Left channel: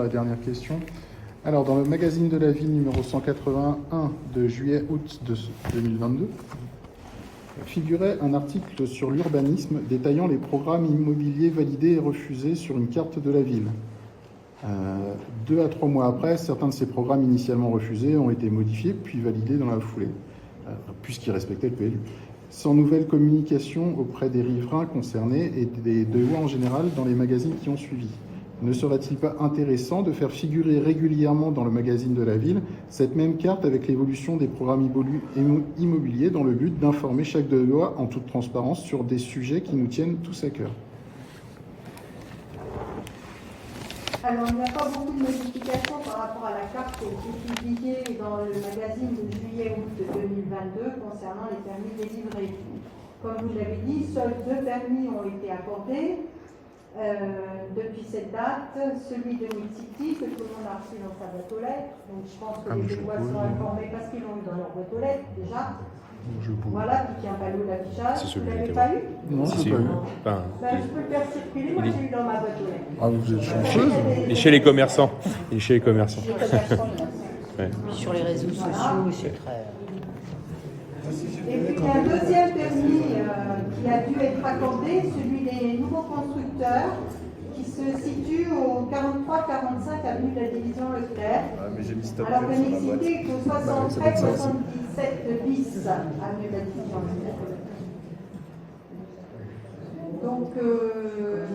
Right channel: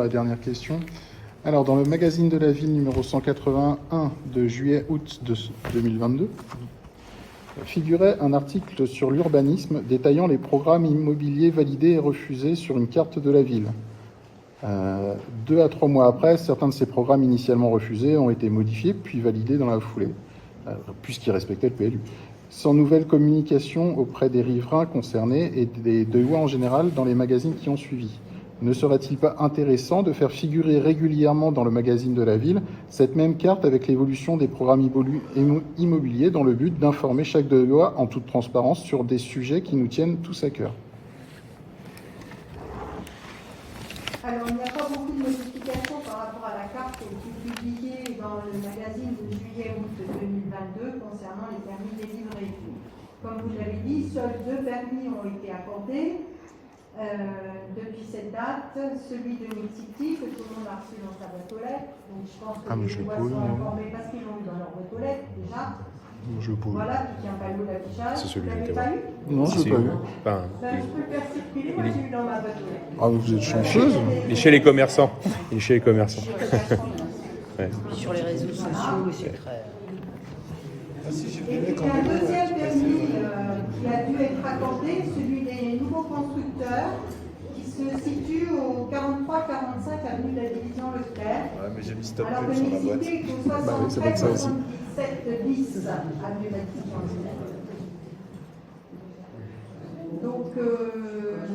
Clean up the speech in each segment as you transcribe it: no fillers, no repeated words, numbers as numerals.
La dernière question. Alors, dans le magazine de la ville numéro 181 de juillet-août 2022, figurait un article sur l'urbanisme détaillant les programmes immobiliers validés et refusés sur une carte de la ville. 2 à 3 mois après, certains de ces programmes initialement refusés ont été modifiés puis validés dans la foulée, puisqu'ils respectaient le PLU. Sans nouvelle communication auprès des riverains concernés et des lois en général dans les magazines qui ont suivi. Ne serait-il pas intéressant de faire figurer régulièrement dans le magazine de la ville cette même carte avec l'évolution des programmes immobiliers dans le but d'informer chaque de loi en toute transparence sur des sujets qui nous tiennent tous à cœur? Alors, il n'y a pas beaucoup de modifications par rapport à la carte qui a été publiée dans le magazine de juillet-août 2022 concernant les permis délivrés. Comme vous l'avez dit, seuls 2 permis ont été accordés depuis cette date. Celui de Multipli, que tout le monde a reçu dans sa boîte aux lettres. Donc, je pense que les lois sont informés parce qu'ils l'ont eu dans leur boîte aux lettres déjà. Voilà, qui tient pas l'eau d'affichage. C'est celui qui était pas eu. Non, Si, c'est si, pas enfin, Je peux le faire circuler, moi j'ai eu dans ma boîte aux lettres. Ah, vous êtes chanceuse. il est chez les commerçants. Il est chez les commerçants. Ouais. Sur les réseaux sociaux, c'est très... Et puis il y a un deuxième permis qui a dû être accordé, celui des nouveaux constructeurs, qui se situe au 43-45 avenue de la Division Leclerc. Alors que n'existait que 73-77 bis avenue de la Division Leclerc. Donc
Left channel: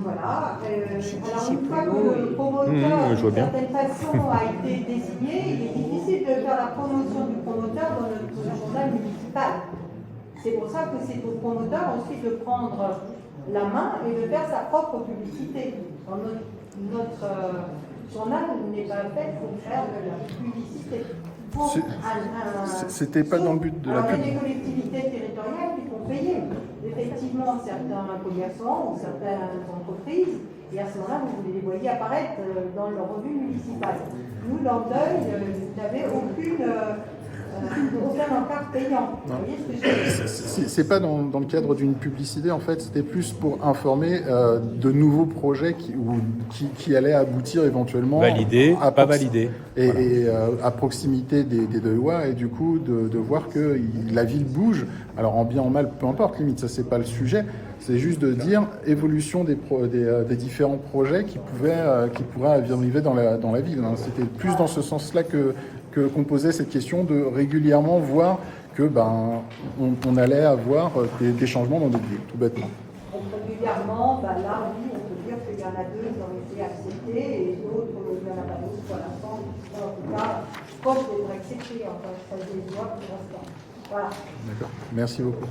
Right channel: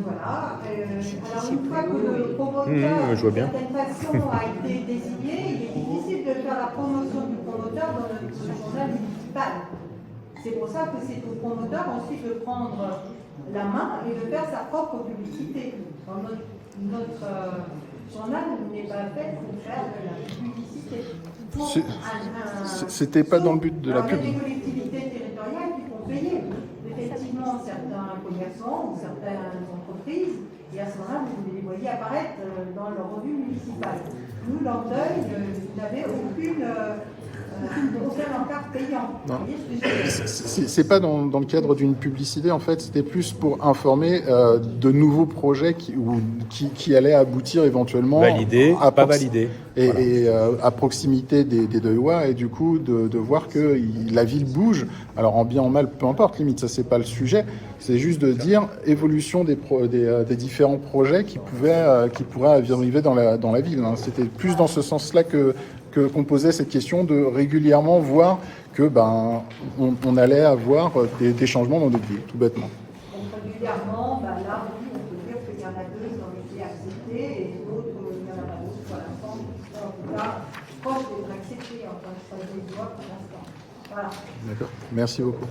voilà. Alors une fois que le promoteur, je vois bien. d'une certaine façon, a été désigné, il est difficile de faire la promotion du promoteur dans le journal municipal. C'est pour ça que c'est au promoteur ensuite de prendre la main et de faire sa propre publicité. Notre journal n'est pas fait pour faire de la publicité. C'était pas dans le but de la pub. Il y a des collectivités territoriales qui font payer effectivement certains commerçants ou certaines entreprises, et à ce moment-là, vous les voyez apparaître dans leur revue municipale. Nous, Landeuil, n'avait aucun encart payant. C'est pas dans le cadre d'une publicité, en fait, c'était plus pour informer de nouveaux projets qui allaient aboutir éventuellement. Validé, pas validé. Et, Voilà. et à proximité des 2 lois, et du coup de voir que la ville bouge. Alors en bien en mal, peu importe, limite, ça c'est pas le sujet. C'est juste de dire évolution des différents projets qui pourraient arriver dans la ville. Hein. C'était plus dans ce sens-là qu'on posait cette question de régulièrement voir que on allait avoir des changements dans notre ville, tout bêtement. Donc régulièrement, là, oui, on peut dire qu'il y en a 2 qui ont été acceptés et d'autres, il n'y en a pas beaucoup pour l'instant. En tout cas, proche devrait accepter, enfin, ça les voit pour l'instant. Voilà. D'accord. Merci beaucoup.